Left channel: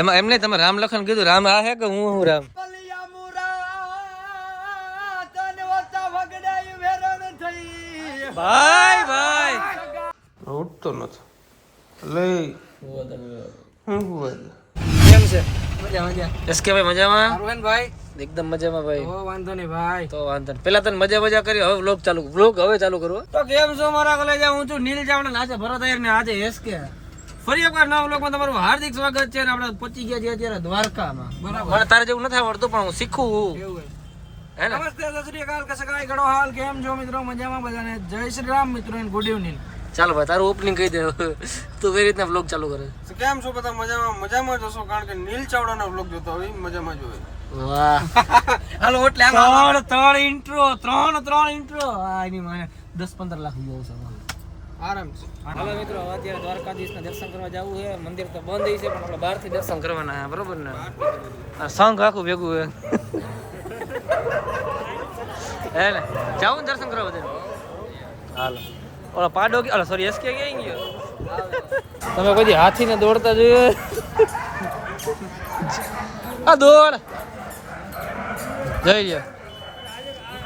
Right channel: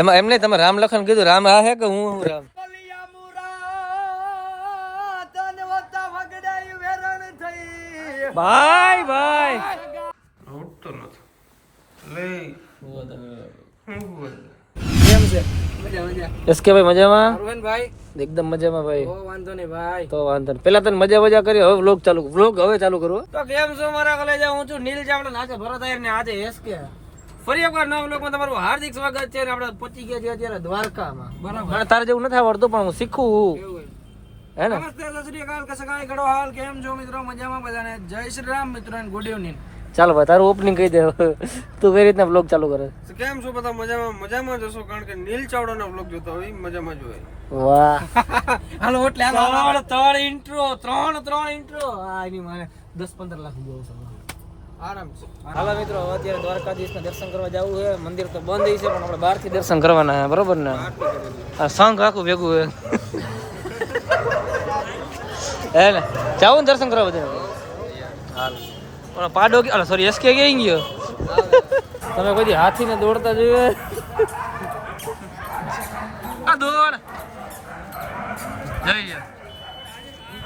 એમાં એમને તમે રામ લખન કીધું, રામ આ હે કે હું રામ? ભાઈ ભાઈ ઉઠતો નથી લે હું બોલ કેમ છે? મજા મજા. એસકે ભાઈ મજામાં? અરવિંદ ભાઈ એકદમ મજામાં ભાઈ. ઓ વાંધો નહીં ભાઈ. તો વાંધો નહીં. પેલા તને મજા કરી, હવે વ્લોગ હવે ચાલુ કરો. તો કેમ છો મારા કલેજા? હું છું નીલ ચાવડા, નાચે ભરત આયર ને આજે એસકે. ફરી એકવાર નવા વ્લોગમાં તમારું હાર્દિક સ્વાગત છે. આપણે પહોંચી ગયા છીએ અત્યારે દ્વારકામાં. બરાબર. મને તારે જેવું નથી આવડતું પણ હું શીખું કેવું હે ને. નમસ્તે, સત શ્રી અકાલ, કસકાઈ કડો હાલ, કેમ છો મિત્રો? મજામાં બધાને? જય શ્રી રામ મિત્રો અને ગુડ ઇવનિંગ. ચાલો ભાઈ તારું ઓપનિંગ કહી દે. તું કઈ રીતના વ્લોગ ચાલુ કરે? કેમ છો બધા? મજામાં જ હશો, કારણ કે નીલ ચાવડાનો વ્લોગ જોતો હોય મજામાં જ હોય. વાહ હાલો એટલે આમ ત્રણ ઇન્ટ્રો આની મારે 10-15 લાખ બહુ છે આરામ છે. હાલો મિત્રો, અત્યારે દ્વારકાધીશના દર્શન કરવા જવું છે. મંદિર તો બંધ છે પણ આપણે બહારથી દર્શન કરવાના છે, બરોબર ને? આ સંઘ આખું ભેગું છે હે ને. જાવું ને દર્શન કરવા બધા? હાલો. ઓલા પાડો સોરી એસકે ક્યાં ગયો? તમે કોઈ હાથીને દોડતા જોયું? આ દોડ જોઈ લ્યો.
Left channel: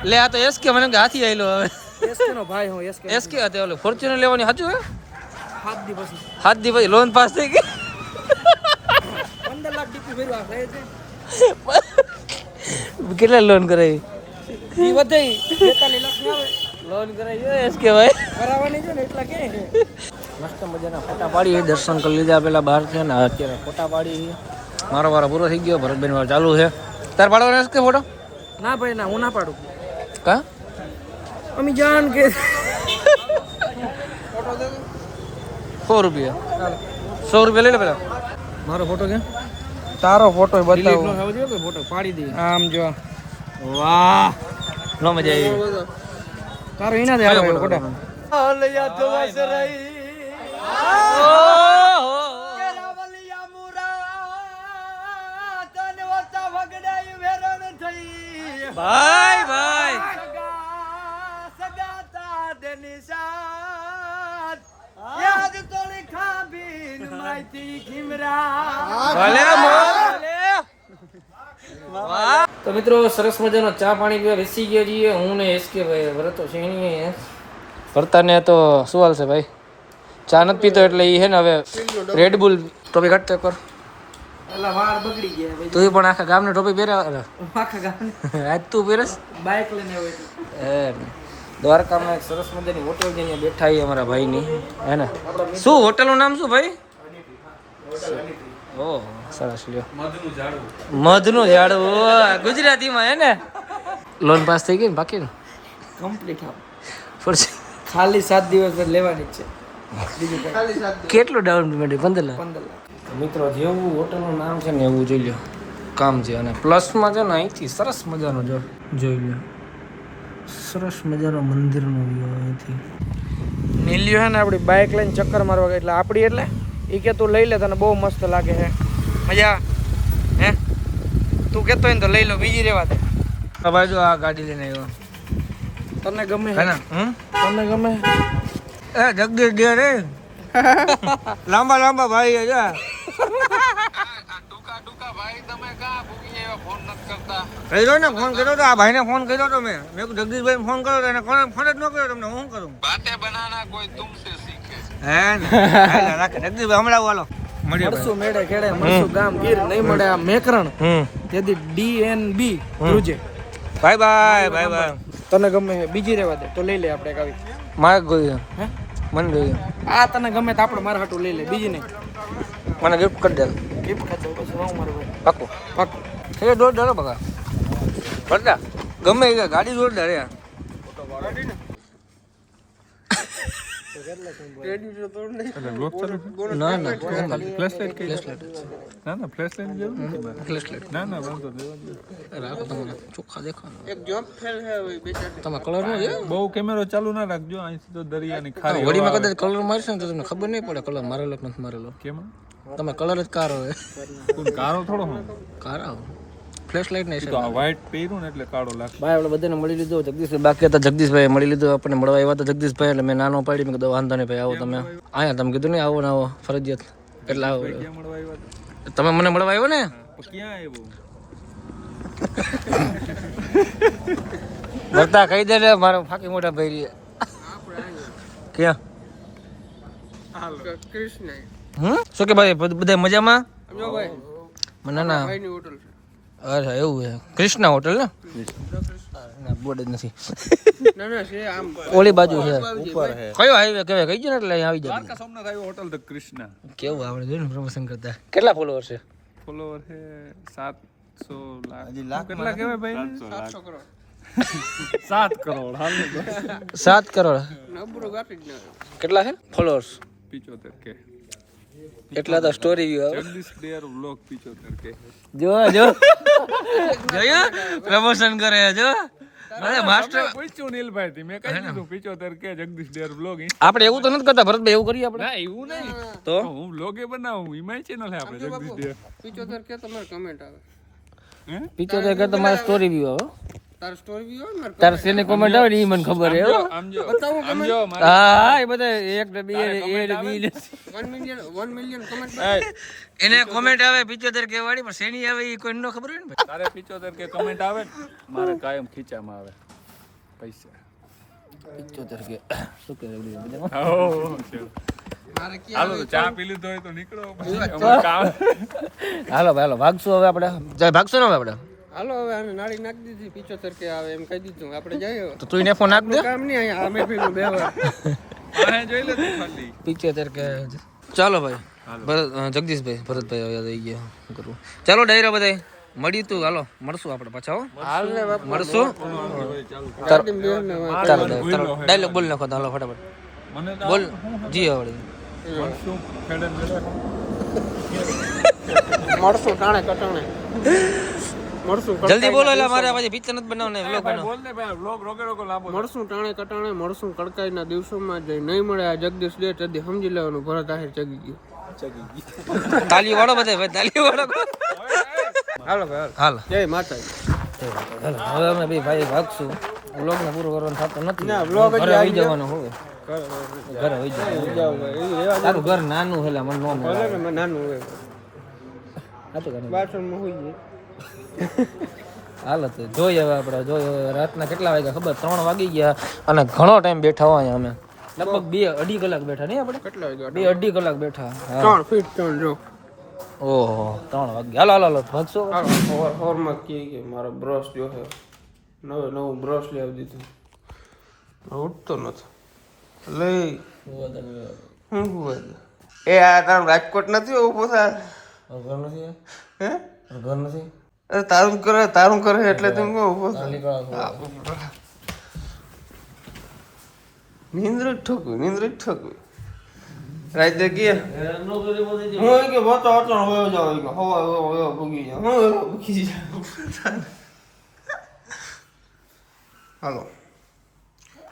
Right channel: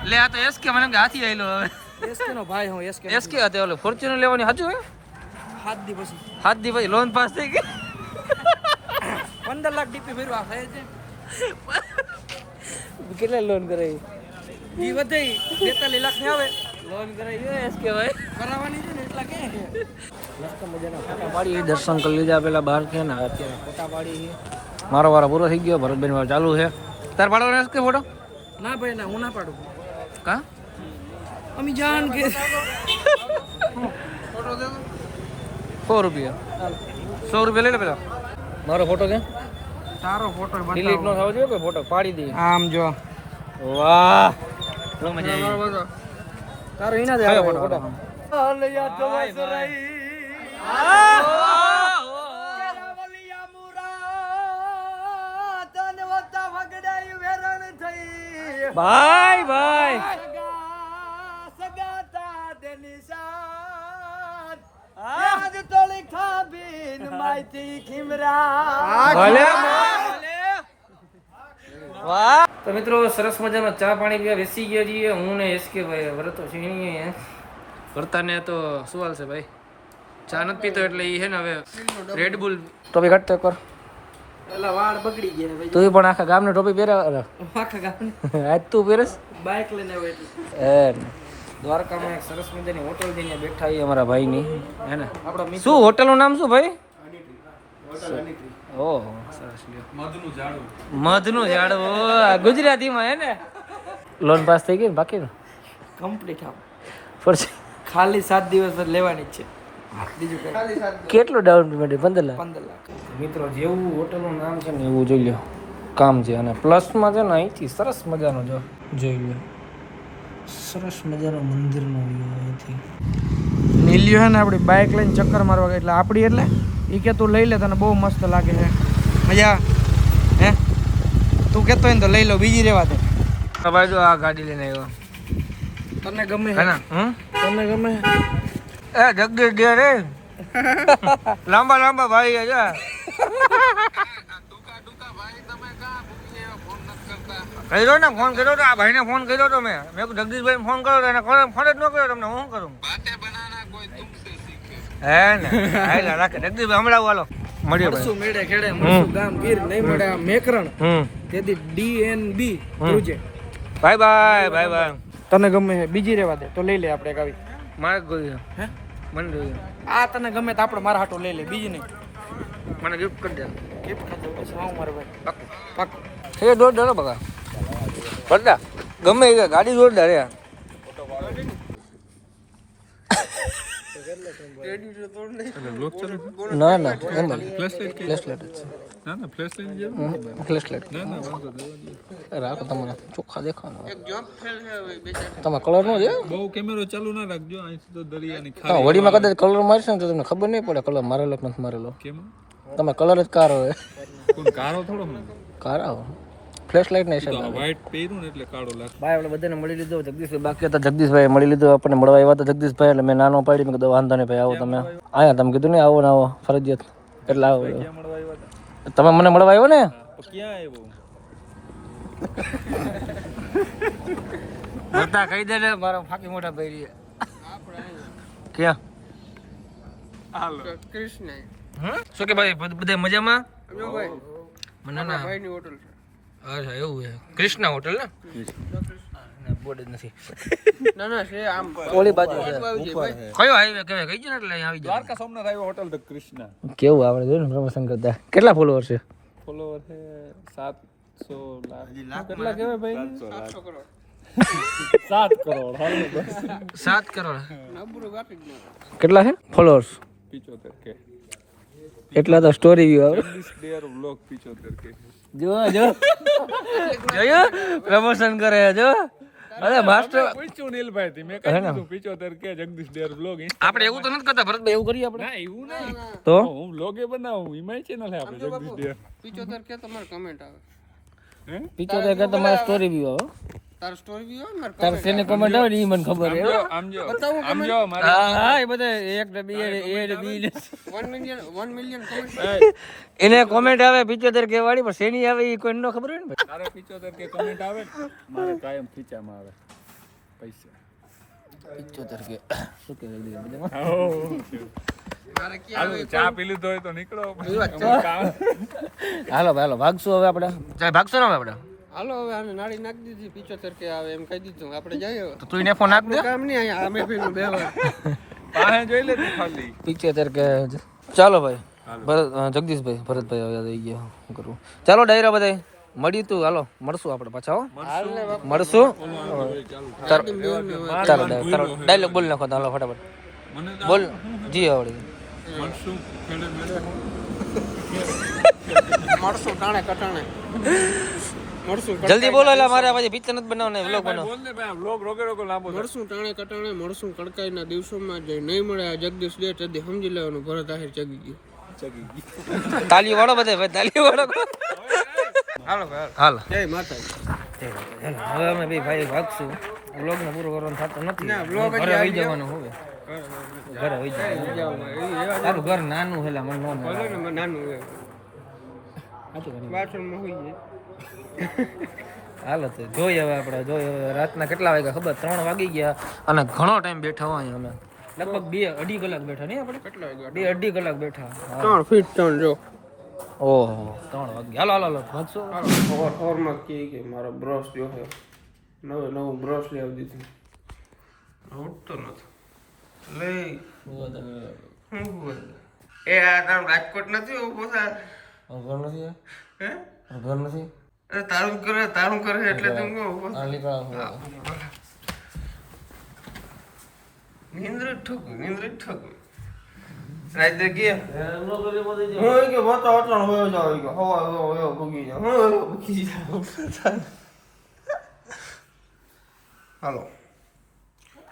લે આ તો એસકે, મને કે હાથી આવેલો. હવે એસકે નો ભાઈ હું એસકે હતો ઓલો ફોર્ચ્યુનર લેવાની સાચું હે? 7 દી પછી 7 દી પછી લોન પાસ થઈ ગઈ. 15 લાખ ડીપી ભર્યું આ થાય છે. કેટલા લોન કરાવી? ઈ વધાઈ 42 લાખ ની આવે લોન કરાવી એસકે ભાઈ કરાવવાની છે ને એટલા કે મસ્ત મજાના ફોટા પાડી. દર્શન કરી લીધા પેલા બહાર છે ને, અત્યારે ફોટા પાડી. મારો વારો પૂરો થઈ ગયો, ભરતબેન વાળો ચાલુ છે. તાર પાડવાનો એસકે ફોટો? ના ભાઈ ના, હું ના પાડું. કા અમી જાન કે ફોટો દે 100 રૂપિયા. 100 રૂપિયા લઈ લે પેલા. મારો ફોટો કે તારો ફોટો ડિલીટ બતાવો. નો થવો જોઈએ, ફોટો પાડી દે. આમ જો વાહ નો મજા આવી. તારો ઈના દે કયો ફોટો. ફોટો? ભાઈ ભાઈ વાહ. તો મિત્રો સરસ મજાનો ચા પાણી પીવા બેસી ગયા છીએ હું ને એસકે ભાઈ. વરતો છે ભરતાને તો શું હાલ છે ભાઈ? ચા નથી પીતો એટલે એ છે ને હવે રેડબુલ ટોપી કાઢતો કર. એલા વાળ બગડી ગયા ભાઈ. તું પણ આખા ગામને ટોપી પહેરાવે? આખા ગામને આજ તું પહેરસ? બાઇક લઈને આવ્યો એટલે. હે ને. દ્વારકામાં એક સરસ મજાની હોટલ જઈને બેઠા છીએ અમારા ભાઈની, હે ને. શું હોટલનું નામ શું ભાઈ? ઓહ સરસ લ્યો. મધનું ઝાડવું ગુજરાતીમાં હે ને. લોન પાસ થઈ ગઈ ને બાકી ને કમ્પ્લીટ આપ પછી ખાલી 7 દિવસ જ લેવાની જ છે. બીજું કઈ ખાલી 7 દિવસ. કેટલું ડાઉન પેમેન્ટ? 15 લાખ. 15 લાખ. મિત્રો જેવું હોટલનું નામ છે ને એવું જોઈ લો કામ છે. અને પ્લસમાં છે ને અહીંથી સરસ મજાનો જોઈ લો સરસ મજાનો મંદિરનો વ્યૂ અહીંથી. નીલ્યો હે ને આપણી બાઇક લઈને ચક્કર મારવા ગઈ એટલે આપણી એટલે એ કે તું લઈ લે, તને બહુ મસ્ત લાગે છે. મજા હે? તું કહેતો હોય ને તો લઈ લો, બીજી રહેવા દે. ભાઈ જો આ ગાડી લઈને આવ્યો. તને ગમે હે ને? તને ગમે? એ જગદીશ દે રે લાંબા ભાઈ છે. કર્યો ને ફોન કર્યો તો આ ભાઈને ફોન કર્યો તો મેં કીધું જગદીશભાઈ ફોન કર્યો તો એને ફોન જ ન કર્યો તમને. હું કરું હે ને? રાખે જગદીશભાઈ હમણાં હાલો મળીએ મળશું મેળે ખેડે, મળશું ગામ ગીર, નહીં મળે આ મેકરણ તેથી DNB ધ્રુજે. Bye bye. તને ગમે છે બીજી રહેવા દે તો લઈ લે. આપણે એક આવી મારે જોઈએ હે મને જોઈએ. આ તને ગમે તો આપણે મારા હાટું લઈ લે, બીજી નહીં. મને ગિફ્ટ કરી દે. ગિફ્ટ કરજો પછી હું મારો ભાઈ પાકું પાકું. એ જોરદાર બગા ભરતા ગમે એ ગાડી જોરદાર યાર. ના ના રાખો તમારા ચોખ્ખા દેખાડો. તમે કલર નો છે બહુ કેમેરો ચાલુ ના રાખજો, અહીંથી તો દરિયાની ખારી હોળીમાં કદાચ કલર મારશે ને તો તમને ખબર નહીં પડે કલર મારેલો કે નથી મારેલો. કેમ તમે કલર જ કારો હોય. કોણ કારો થોડો હું કારા ફ્લેશ લાઈટ નહીં તો આ વ્હાઈટ પહેર્યું ને એટલે કાળો લાગે. ભાઈ આપણે બધાને મળી લીધું. જગદીશભાઈ બાકી હતા, જગદીશભાઈ મળી લીધું આપણને. મળવા આવ્યા હતા જગદીશભાઈ એટલે મેં નાનો પાડી મેં કીધું વાંધો નહીં ભાઈ આવો તમે. આયા તમે કીધું નહીં આવો ને આવો ફરજિયાત એટલે આવો. ક્યાં મળવા આવ્યા હતા? તમે મને મળવા આવ્યો ને પણ ક્યાં આવ્યો વર્તા કહી દે ને મારું ફાકી મોટા ભાઈ ક્યાં કૃષ્ણ શું કે ભાઈ બધા મજામાં જો ભાઈ મને ના ભાઈની હોટલ છે અચ્છા એવું છે કૃષ્ણા હોટલ ને બોર્ડ જ નથી ના ના છે આમ ઓલી બાજુ છે ઉપર હે કયો હાઈવે કહેવાય કઈ ગયો ને એટલે અહીં આવી જાય દ્વારકા સોમનાથ આવ્યો હોટલ ધ કૃષ્ણા કેવું આવડે જોયું ને પ્રમોશન કરતા કેટલા ફોલોવર છે ફોલોવર હે 700 લાખ કેટલા કહેવાય ભાઈ 7 કરોડ હાલ 7 કરોડ નબળું ગાપી જ ના કેટલા છે ફોલોઅર્સ 75 કે એટલા તો સ્ટોરી વ્યૂ આવે જગદીશ ડેર વ્લોગ 75 કે જો જોયું પ્રમોશન કરે જો અરે માસ્ટર પૂછ્યું નીલભાઈ થી મેં કહી દીધું 75 કે જગદીશ ડેર વ્લોગ આપણે એવું તો નથી કરતા ભરત એવું કરીએ આપણે ના એવું નહીં તો હું વ્લોગે બનાવું ઈમાય ચેનલ હે આપણે જગદીશ ડેર 75 કે તમારે કમેન્ટ આવે 75 કે તમારા સ્ટોરી વ્યૂ આવે તાર સ્ટોરી બી હોય મારે તાર સેને કોમેન્ટ આવે ને ઈ મને ખબર હે આમ જો બતાવો કમેન્ટ હા એ બધા એક ને બે એ ને બી ને 1 મિલિયન કમેન્ટ એને કોમેન્ટ આવે 75 કે વાળી પણ શેની આવે ઈ કોઈ નો ખબર હોય ને ભાઈ તારે 75 કે કમેન્ટ આવે ને મારે કાયમ ખીચામાં આવે પૈસા 75 કે શું કે હાલો તો ચા પી લીધો હોય તો નીકળો પછી અમારું કામ હાલો ભાઈ હાલો ભાગશું હવે આપણે ચાલ ભાગશું ને હવે આપણે હાલો હવે આને નાળી નાખી દીધી 75 કે આવે એમ કહી દીધું આપણે જઈએ તો તું એને ફોન નાખ દે કામ નહીં અહીંયા અમે પેલું બે વાર આ જોઈ લે તું ખાલી 75 કે ચાલો ભાઈ ભરત જગદીશભાઈ ભરતભાઈ હવે આવી ગયા શું કરવું ચાલો ડાયરા બધાય મળી તું હાલો મળશું આપણે પાછા હો હાલ ને બાપુ મળશું ચાલો ડાયલોગ બોલ નાખો તો હાલો ફટાફટ મને બોલ જી આવડે મળશું મેડમ મળશું ટાણે કટાણે મળશું જલ્દી બોલો એટલે મારે પછી પિક્ચર નથી બનાવને વ્લોગ બનાવ બોલ ને ભાઈ વ્લોગ રોગે લાંબો મળશું ટાણે કટાણે મળશું કડકાઈના દિવસોમાં જઈ નહીં મળે આ જગદીશ ડે તેથી સમજી લેવાનું ભરત આહિર ચગી ગયો તાલી વાળો બધે ભાઈ તાલી વાળો હાલો ભાઈ હાલ જય માતાજી હવે અમે બે ભાઈ ભાગશું વ્લોગ ને પૂરો કરવાનો થતો નથી ના, vlog જ ઘરે આવી વહી જવાનું હવે ઘરે વહી જવાનું તારું ઘર નાનું છે એટલે મને નો મળે નાનું હોય સાચું કહે બાથરૂમમાં હોઈ જાય હાલો તો જોઈએ હવે આપણે જોઈએ હવે રાતના કેટલા વાગ્યા ખબર 3 વાગી ગયા અને ઘણો ટાઈમ બેઠા હોય અમે લગભગ 2-2.5 કલાક બેઠા નહીં આપણે કેટલા વાગ્યા 2-2.5 કલાક બેઠા 3 ફીટ 3 જો ઓહો 3 વાગ્યા હાલો હાલો હાલો ભાગશો ઓરમાં કે મારો બ્રશ જો હે નવું બ્રશ લઈ આવી દીધું ઉઠતો નથી લઈ હું એ આ તારું રાજકોટ નથી ઉભો થા ઘર નથી હે ઘર નથી અરે તારું કરે એટલે તું ઉભો નીંદ્ર ઠોકું રાત કે હું કે બતો અટણ હોયો જાવ કે હવા હોયો ભૂગી જાવ ભૂગી જાવ હાલો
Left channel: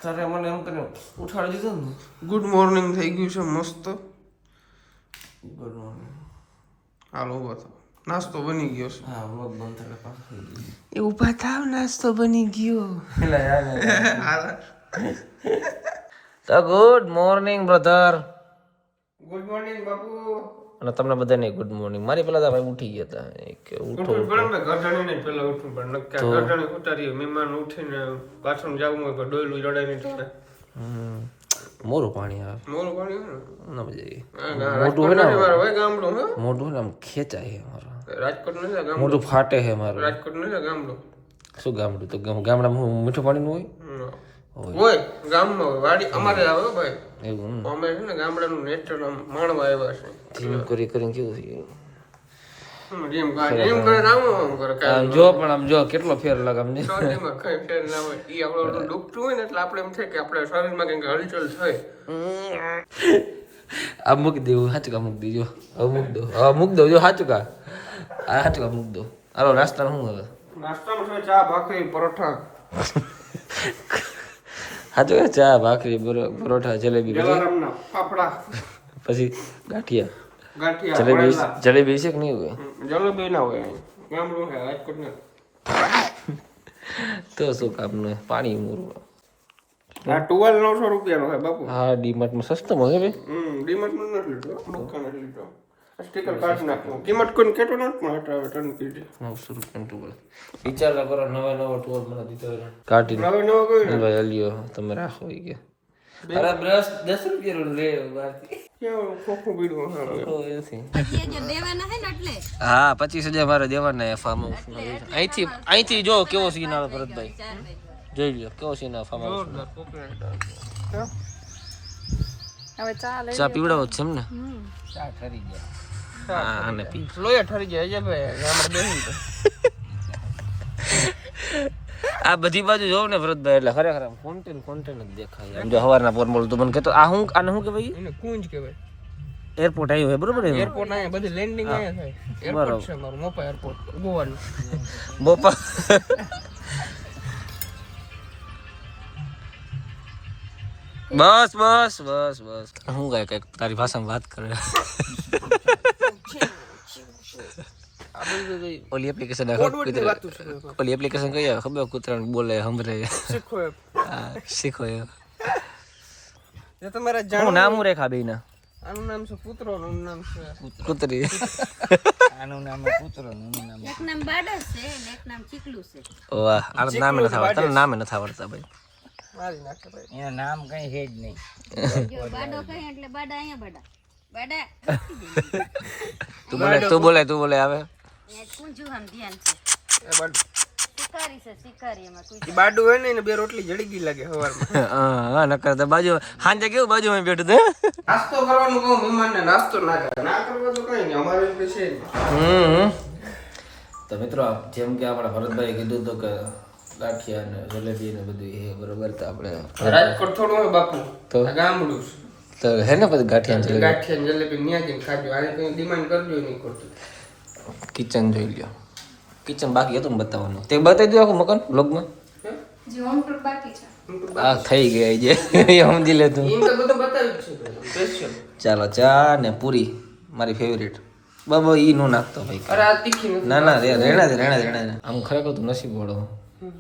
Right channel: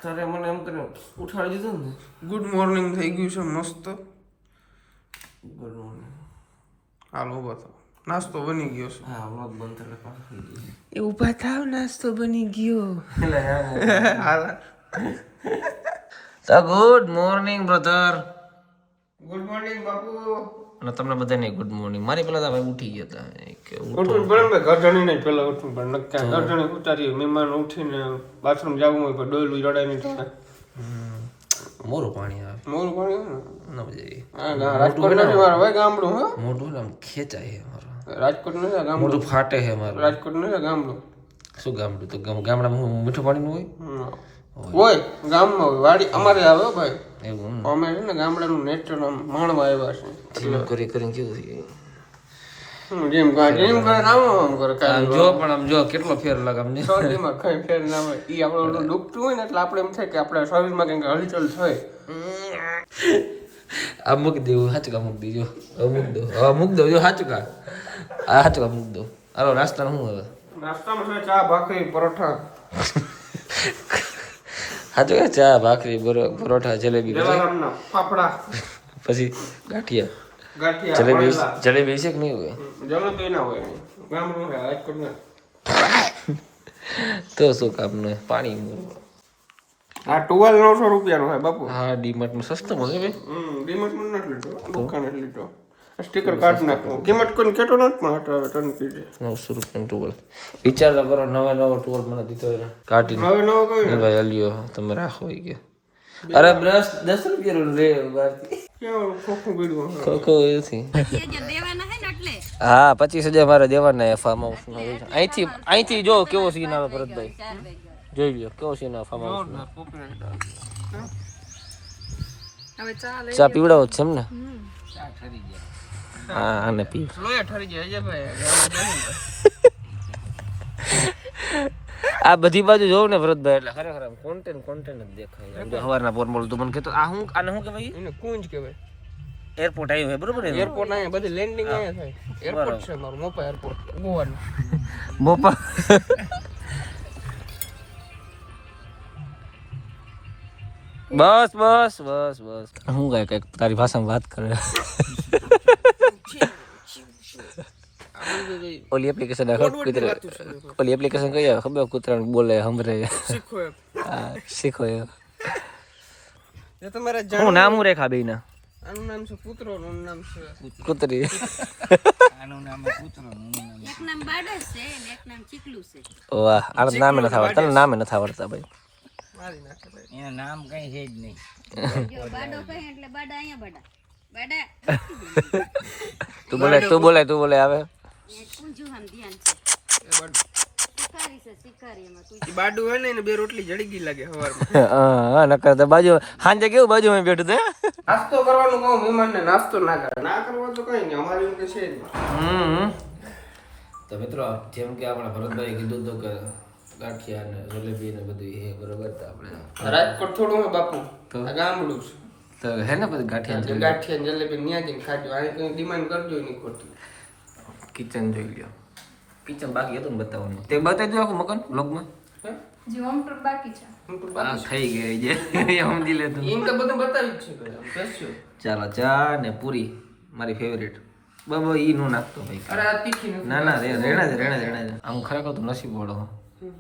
તારે મને એમ કરીને ઉઠાડી દીધો ને ગુડ મોર્નિંગ થઈ ગયું છે મસ્ત ગુડ મોર્નિંગ હાલો ઉભા થાવ નાસ્તો બની ગયો છે હા વ્લોગ બંધ થાય પાછો એ ઉભા થાવ નાસ્તો બની ગયો હાલ તો good morning brother good morning બાપુ અને તમને બધાને ગુડ મોર્નિંગ મારી પેલા ભાઈ ઉઠી ગયા હતા કે ઉઠવું પડે ને ગરજણી ને પેલા ઉઠવું પડે નક્કા ગરજણી ઉતારી મહેમાન ઉઠીને બાથરૂમ જવું હોય તો ડોયલું રડાય નહીં થાય મોરું પાણી આવે મોરું પાણી ના મજા આવી હા રાજકોટ નથી મારો ભાઈ ગામડું હે મોઢું ને આમ ખેંચાય છે મારું રાજકોટ નથી ગામડું મોઢું ફાટે છે મારું રાજકોટ નથી ગામડું શું ગામડું તો ગામડામાં મીઠું પાણીનું હોય ગામમાં હોય વાડી અમારે આવે હો ભાઈ હોય એવું અમે છે ને ગામડાનું નેચર માણવા આવ્યા છે જીમ કરી કરીને કેવું થયું જેમ કરે આમ કરે આમ જો પણ આમ જો કેટલો ફેર લાગે આમ ને શરીરમાં કઈ ફેર ના હોય ઈ આપણે દુખતું હોય ને એટલે આપણે એમ થાય કે આપણે શરીરમાં કંઈક હલચલ થાય આ મૂકી દેવું હાચુકા મૂકી દેજો હવે મૂકી દો હવે મૂકી દો જો હાચુકા આ હાચુકા મૂકી દો હાલો નાસ્તાનું શું હવે નાસ્તામાં છે ચા ભાખરી પરોઠા હાચુકા ચા ભાખરી પરોઠા જલેબી પછી જલારામના ફાફડા પછી ગાંઠિયા ગાંઠિયા જલેબી છે કે નહીં હોય જલેબી ના હોય ગામડું છે રાજકોટ ના તો શું કામનું પાણી આ ટુવાલ 900 રૂપિયાનો છે બાપુ હા ડીમાર્ટમાં સસ્તો મળે ભાઈ ડીમાર્ટમાં નથી લીધો દુકાને લીધો સ્ટીકર કાઢ નાખો. કિંમત કોઈને કેટો નથી પણ હટાવે ટન કીધે 900 રૂપિયા ટુવલ વિચાર કરો નવા નવો ટુવલ મને દીધો કાઢીને હવે નવો કોઈ ભાઈ અલ્યો તમે રાખો ઈ કે અરે બ્રશ 10 રૂપિયા લે બારથી ક્યાં ખોખું બીડું કોકો એથી હા 25000 મારે દેવાના ફાર્મ હાઉસ અહીંથી જો કેવો સીન આવે ભરતભાઈ જોઈ લ્યો કેવો સીન આવે ફાર્મ હાઉસ હવે ચાલે ચા પીવડાવો છે એમ ને હા આને પી લોયા ઠરી જાય ભાઈ આ બધી બાજુ જોઉં ને ભરતભાઈ એટલે ખરેખર કોન્ટેન્ટ જ દેખાય જો હવારના પોર બોલ તો મને કહેતો આ હું આને શું કહેવાય એને કુંજ કહેવાય. એરપોર્ટ આવ્યું હે બરોબર ને એરપોર્ટ અહીંયા બધી લેન્ડિંગ અહીંયા થાય. એરપોર્ટ છે મારું મોપા એરપોર્ટ ગોવાનું. બોપા બસ બસ બસ બસ હું કાંઈ કઈક તારી ભાષામાં વાત કરે ઓલી એપ્લિકેશન ઓલી એપ્લિકેશન કઈ આવે ખબર કૂતરાને બોલે સંભળે શીખો એમ. હા શીખો એ એ તમારે હું નામ હું રેખા બેયના આનું નામ છે કૂતરો નું નામ છે કૂતરી એક નામ બાડો છે ને એક નામ ચીકલું છે. વાહ આ નામે નથી આવડતા તને નામે નથી આવડતા ભાઈ મારી નાખે ભાઈ. જો બાડો કહે એટલે બાડા અહીંયા બાડા બાડા તું બોલે આવે એ કુંજુ હમ ધ્યાન છે એ બાડું શિકારી એમાં કોઈ ઈ બાડું હોય ને એને બે રોટલી જડી ગઈ લાગે સવારમાં. હા નકર તો બાજુ હાંજે કેવું બાજુમાં બેઠું તે નાસ્તો કરવાનું કહું મહેમાનને નાસ્તો ના કરે ના કરવા તો કઈ નહીં અમારે એમ કે છે જ નહીં. તો મિત્રો જેમ કે આપણે ભરતભાઈ કીધું તો કે ગાંઠિયા ને જલેબી ને બધું એ બરોબર તો આપણે રાજકોટ થોડું હોય બાપુ તો? આ ગામડું છે. તો હે ને પછી ગાંઠિયા ને ગાંઠિયા ને જલેબી ન્યા જઈને ખાજો. આને કઈ ડિમાન્ડ કરજો નહીં ખોટું. કિચન જોઈ લ્યો કિચન બાકી હતું ને બતાવવાનું તે બતાવી દો આખું મકાન બ્લોગમાં હા થઈ ગયા જે સમજી લે તું એમ તો બધું બતાવ્યું જ છે ભાઈ આમ સ્પેશિયલ. ચાલો ચા ને પૂરી મારી ફેવરેટ બાબા ઈ નો નાખતો ભાઈ અરે આ તીખી નથી. ના ના રેણા દે આમ ખરેખર તું નસીબ વાળો હો.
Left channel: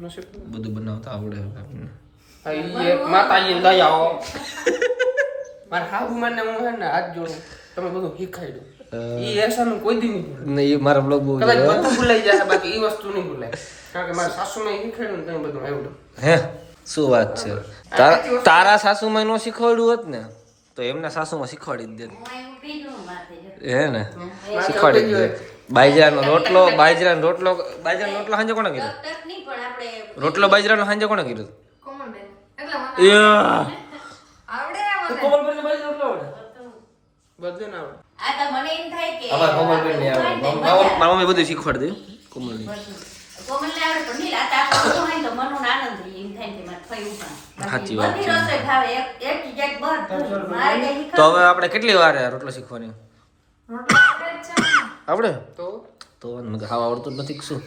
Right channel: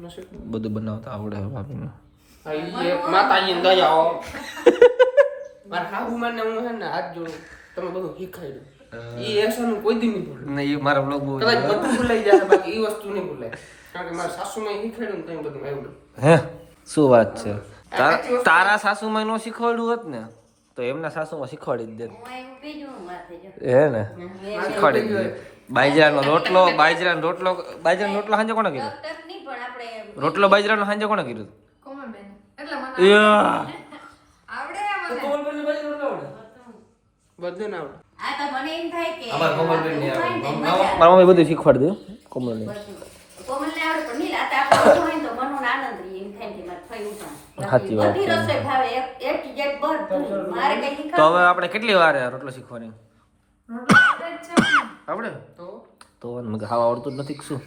નસીબ. બધું બનાવતા આવડે છે ભાભીને હા ઈ એક માતાજીને દયા હો. મારા હાહુ મને હું હે ને હાથ જોડું તમે બધું શીખાઈ દો. ઈ એસાનું કોઈ દી નહીં ભૂલે. ને ઈ મારા બ્લોગ બહુ કદાચ બધું ભૂલાઈ જાય બાકી ઈ વસ્તુ નહીં ભૂલાય. કારણ કે મારા સાસુમાં શીખાડ્યું ને તમે બધું આવડ્યું. હે શું વાત છે તારા સાસુમાં નો શીખવાડ્યું હોત ને તો એમના સાસુમાં શીખવાડી જ દે એવું બીજું માથે જો હે ને શીખવાડી જ દે બાજરાનો રોટલો સાંજે કોણે કીધું તક નહીં પણ આપણે રોટલો બાજરાનો સાંજે કોણે કીધું બધું ના આવડે. આ તો મને એમ થાય કે મારા મમ્મી બધું શીખવાડી દે કોમલની કોમલને આવડે પણ નહીં આ તાપ હોય તો મનનો આનંદ રહે એમ થાય કે મારે ફઈ ઉપાન સાચી વાત બધી છે રસોઈ ભાવે એક જગ્યાએ બધું મારે કઈ તો હવે આપણે કેટલી વાર રોટલો શીખવાની આવડે તો મને ખાવા આવડતું જ નથી કે શું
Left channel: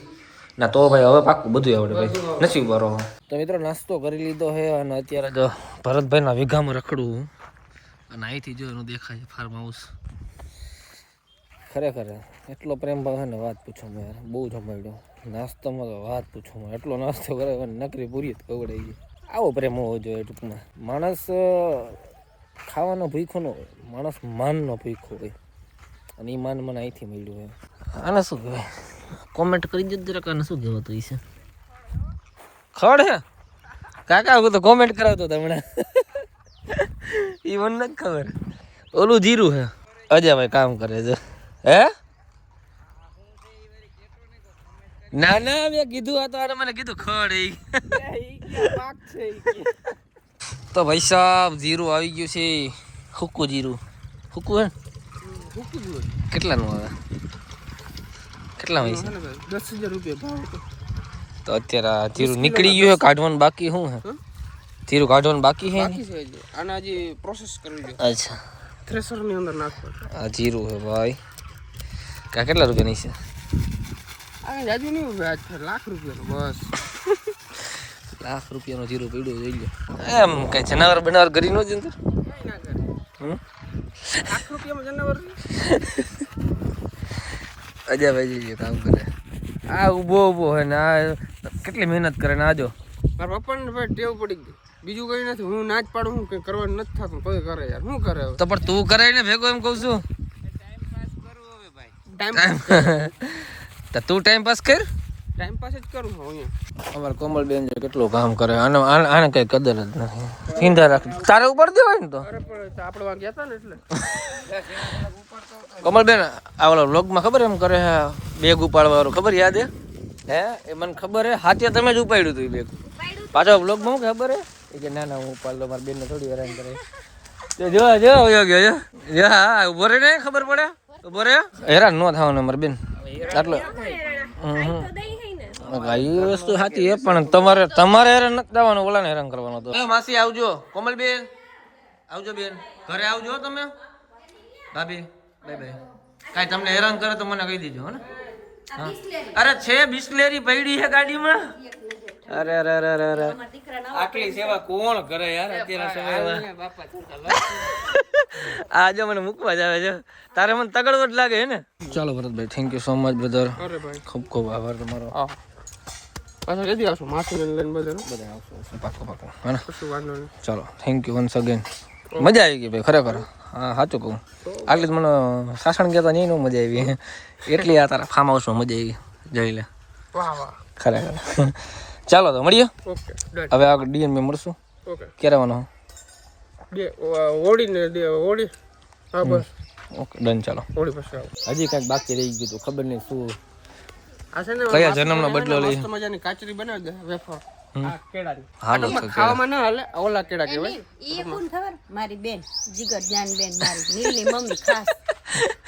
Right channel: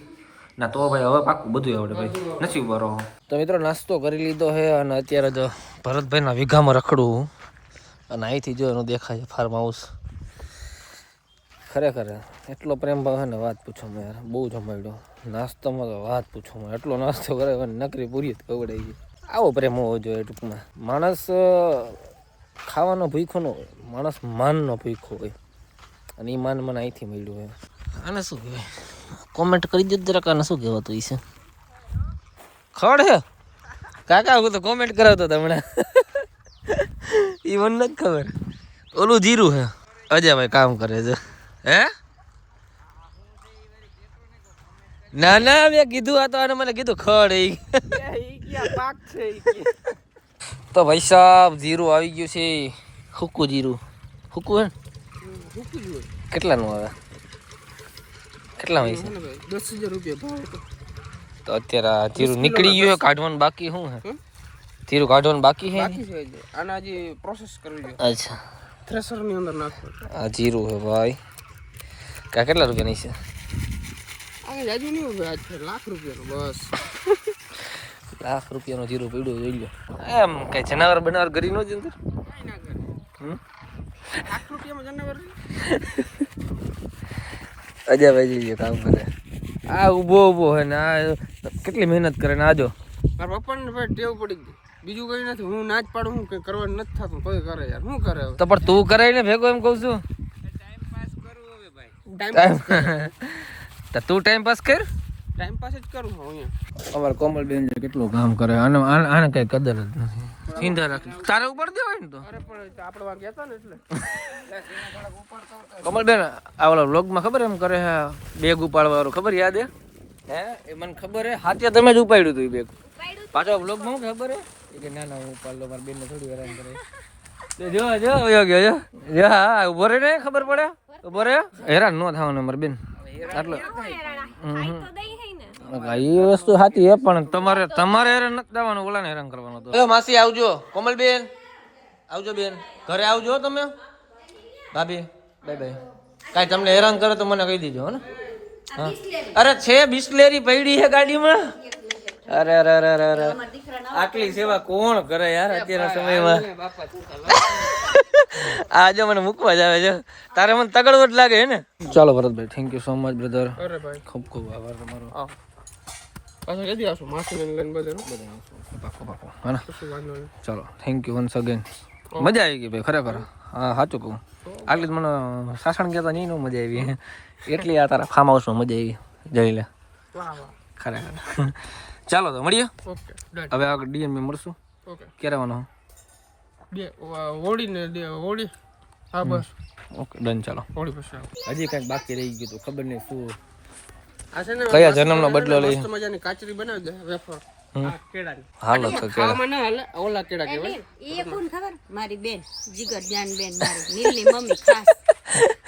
ના તો ભાઈ હવે પાક્કું બધું આવડે ભાઈ નસીબ વાળો તો મિત્રો નાસ્તો કરી લીધો છે અને અત્યારે તો ભરતભાઈના વીઘામાં રખડું અને અહીંથી જો એનું દેખાય ફાર્મ હાઉસ ખરેખર એટલો પ્રેમ ભાવ છે ને વાત પૂછો મેં યાર બહુ જમાડ્યો નાસ્તામાં તો વાત પૂછો મેં એટલો નાસ્તો કરે નકરી પૂરી જ કવડાઈ ગઈ આવો પ્રેમ હોવો જોઈએ ટૂંકમાં માણસ ખાવાનો ભૂખો ન હોય માણસ માનનો ભૂખો હોય અને એ માન મને અહીંથી મળ્યું હોય આને શું કહેવાય કોમેન્ટ કરી દેજો જરાક આને શું કહેવાતું છે ખડ હે કાકા હું તો કોમેન્ટ કર્યો તો તમને એ મને નથી ખબર ઓલું જીરું હે અજયભાઈ કામ કરે છે હે ના ના મેં કીધું આ તો આને મને કીધું ખડ એ પાક છે તો ભાઈ સાહેબ જીરું આવી ગયું છે હુકું જીરું હુકું હે કેટલાનું આવે કેટલા હોય છે 10,000 રૂપિયા ભાવ હતો. તો અત્યારે આ જીરું નીકળી ગયું છે કાઢવાનું બાકી શું હે જીરું કાઢવાનું બાકી છે બાકી છે હજી. આને હજી પ્રોસેસ કરવી છે. અચ્છા થ્રેશર ની અંદર નાખો. આ જીરું હે ભાઈ કા કેટલા રૂપિયાની છે આ જાજુ નહીં ઉભે આજ લાખ રૂપિયાનો બસ. લાખ રૂપિયાનું જીરું પડ્યું જોઈ લો એમ કઈ જનાવર બનાવર કરી નો જ અંદર કઈ ના કરે. હમ લાખ રૂપિયામાં જનાવર અજયભાઈ જોઈએ કામ કરે આ ઊભો હે ને આ કેટલી મહેનત કરે ને આજો મારા પપ્પાને ભાઈ ટેવ પડી ગઈ. બીજું કઈ નથી. હું ના જ પાડું હું કઈ કરવાનું નથી થતું તોય કરે યાર. શું કરે હવે? તો પણ તું કરે ને ભેગો એમ કહું છું ટાઈમ તો તું ટાઈમ પાસ કર. ટાઈમ પાસ જ કરું હું અહીંયા. અમારે કોમલબેન જો કેટલું કામ કરે, આને કઈ કદર જ નથી. ચિંતા રાખ, તારે ઉપર દેવાય ને તો. અરે પણ આપણે વાં ગયા હતા ને એટલે કોમલબેન આ ઓલા વ્લોગમાં ખબર એમ કરે હે, બેગ ઉપાડવા વાળું ખબર યાદ હે? એ મને ખબર હે, હાથે તમે જ ઉપાડ્યું હતું એ બેગ. પાછો વ્લોગમાં શું ખબર હે કે ના હું ઉપાડ લો, મારી બેનને થોડી હેરાન કરે. જો વયો ગયો જો હા ઉભો રે ને, ખબર પડે ઉભો રે. હેરાન ન થવાનું મારી બેન આટલો. એ વસ્તુ સાચી હે, પણ તમારે હેરાન નથી થવાનું, ઓલાને હેરાન કરવાનો હતો. માસી આવજો, કોમલબેન આવજો, બેન ઘરે આવજો તમે. ભાભી બાય બાય. કાંઈ તમને હેરાન કરે તો મને કહી દીજો હો ને. હા અરે છે બિસ્લેરી પડી છે ગાડીમાં. અરે અરે અરે અરે અરે આટલી સેવા કોણ કરે યાર અત્યારના સમયમાં. આ જો મને મૂકવા જ આવે છે, તારે મને તગડવો જ લાગે હે ને. ચાલો Bharatbhai, thank you so much brother. અરે ભાઈ ખૂબ ખૂબ આભાર તમારો. પાછા જલ્દી આવશું, માસી લઈને બધા આવશું પાકો પાકો હે ને. કશું વાંધો નહીં. ચાલો થેન્ક યુ વન્સ અગેન. મજા આવી ગઈ ભાઈ ખરેખર. હા સાચું કહું, આટલી જ મને સાસણ ગયા નહીં નો મજા આવી એટલી આ તારા ફાર્મ હાઉસમાં મજા આવી. જઈ લે વાહ વાહ ખરેખર. ચાલો તો મળીએ ઓકે ડન. હવે આગળ ડીએનબી મળશું. ઓકે ક્યારે આવવાનો? બે હોળી હા બસ ઓકે ડન. ચાલો હોળી પછી આવો. હજી કાંઈક બાકી રહી ગયું તો ખબર નહીં શું, આ છે ને કયા જન્મનો બદલો લઈ. મસ્ત મજાની કાચરી બનાવી દે વેફર કેળાની. હાલો તો ખાવામાં ના હાલે, ઓલા કેળા કહેવાય. એ કોણ ખબર? મારી બેન જીગર જાન બેન, મારી નીલની મમ્મી ખાસ.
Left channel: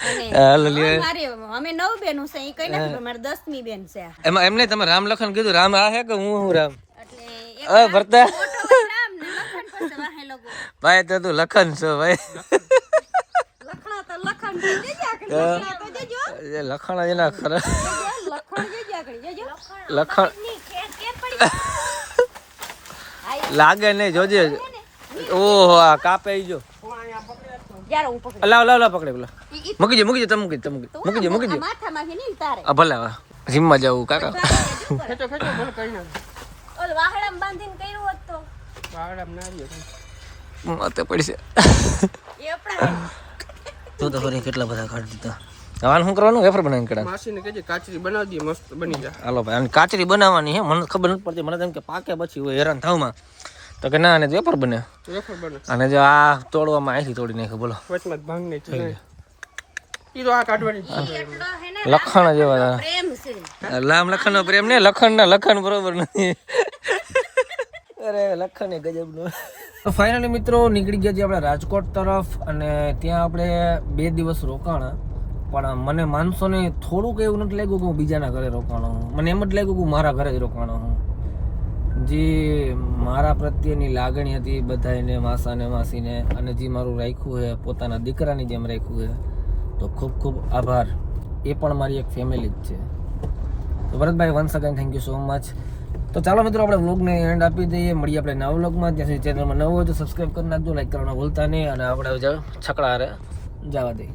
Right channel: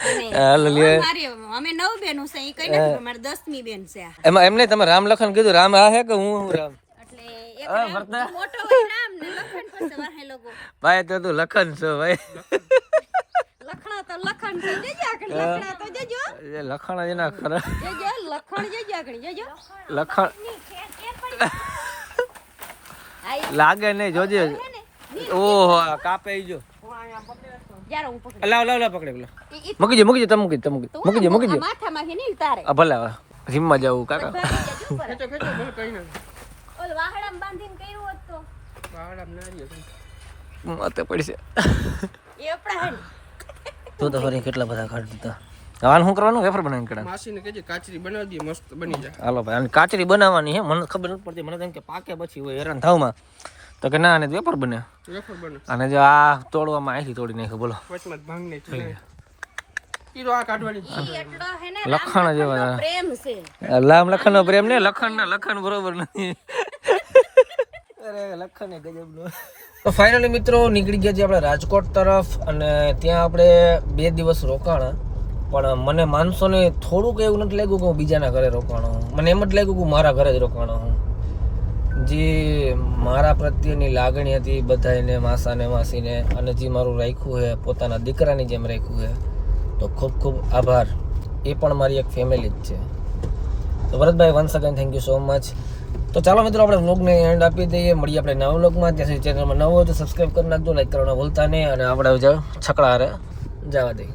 અને હાલો લે. મારી અમે 9 બેનો છે, એ કઈ નથી, મારી 10મી બેન છે આ. એમાં એમને તમે રામ લખન કીધું, રામ આ હે કે હું રામ? એટલે એક ભરતા મોટો ભાઈ રામ ને લખન પાસે વાહે લોકો. ભાઈ તો તું લખન છો ભાઈ. લખણા તો લખણ છે, જજે આગળ લખણા તો જજો. એ લખણ જ ના ખરા. લખણ જજે આગળ જજો. લખણ લાગે નહીં, જોજે. ઓહો આ કાપે જો. યાર હું પકડ. લાવ લાવ લાવ પકડે પેલા. મૂકી દે તમે મૂકી દે માથામાંથી નહીં ઉતારે. આ ભલે હવે જીમમાં જવું કાકા. ખેંચો ખેંચો મને કઈ ના ઓલ વાહડામાં બાંધીને કર્યું હોત તો વાળા નારી માથે પડશે એ આપણા તું તો ફરી કેટલા બધા કાઢી દીધા. હવે શું કરવાનું? વેફર બનાવીને કડા. માસીને કહેજે કાચરી બનાવી દે, મસ્ત બની જાય. હાલો ભાઈ, આની કાચરી બનાવવાની હે, મને ખબર નથી પડતી. મને તેમ કે પાકે પછી હોય હેરાન થાવમાં, તો કે ના આને વેફર બને. વેફર બને અને જો આ તોડવામાં અહીંથી તોડી નાખ્યું બોલો. વચમાં ભાંગ નહીં થઈ ઈ તો આ કાઢવાની જ છે. લખણ જેવા પ્રેમ છે. લામ લખણનો પ્રેમ ને લખણ બરોબર નથી. અરે લખણ એ ગજબનું. તો ફાઇનલી મિત્રો નીકળી ગયા છીએ આપણે રાજકોટ તરફ, અને ત્યાં આપણે 2 દિવસ રોકાણા. પણ મને માનશો ને થોડુંક એવું નથી લાગ્યું કે હું બીજાના ઘરે રોકાણો હું. મને એમ જ લાગ્યું કે મારા ઘરે જ રોકાણો હું. જે મારા પ્રત્યેની લાગણી હતી બધાને, માસાને માસીને, અને જે મારું રાખ્યું છે પોતાના દીકરાની જેમ રાખ્યું છે, તો ખૂબ ખૂબ આભાર. એ પણ મારી એક ફેમિલી જ છે. તો Bharatbhai once again thank you so much. તો ચાલો મિત્રો આપણે વ્લોગને એન્ડ આપી દઈએ. મળીએ આપણે નવા વ્લોગમાં. ત્યાં સુધી ચેનલમાં નવો હોય તો સબસ્ક્રાઈબ કરી નાખજો, લાઈક કરવાનું ભૂલતા નહીં, અને આપણે છકડા હારે જવા દઈએ.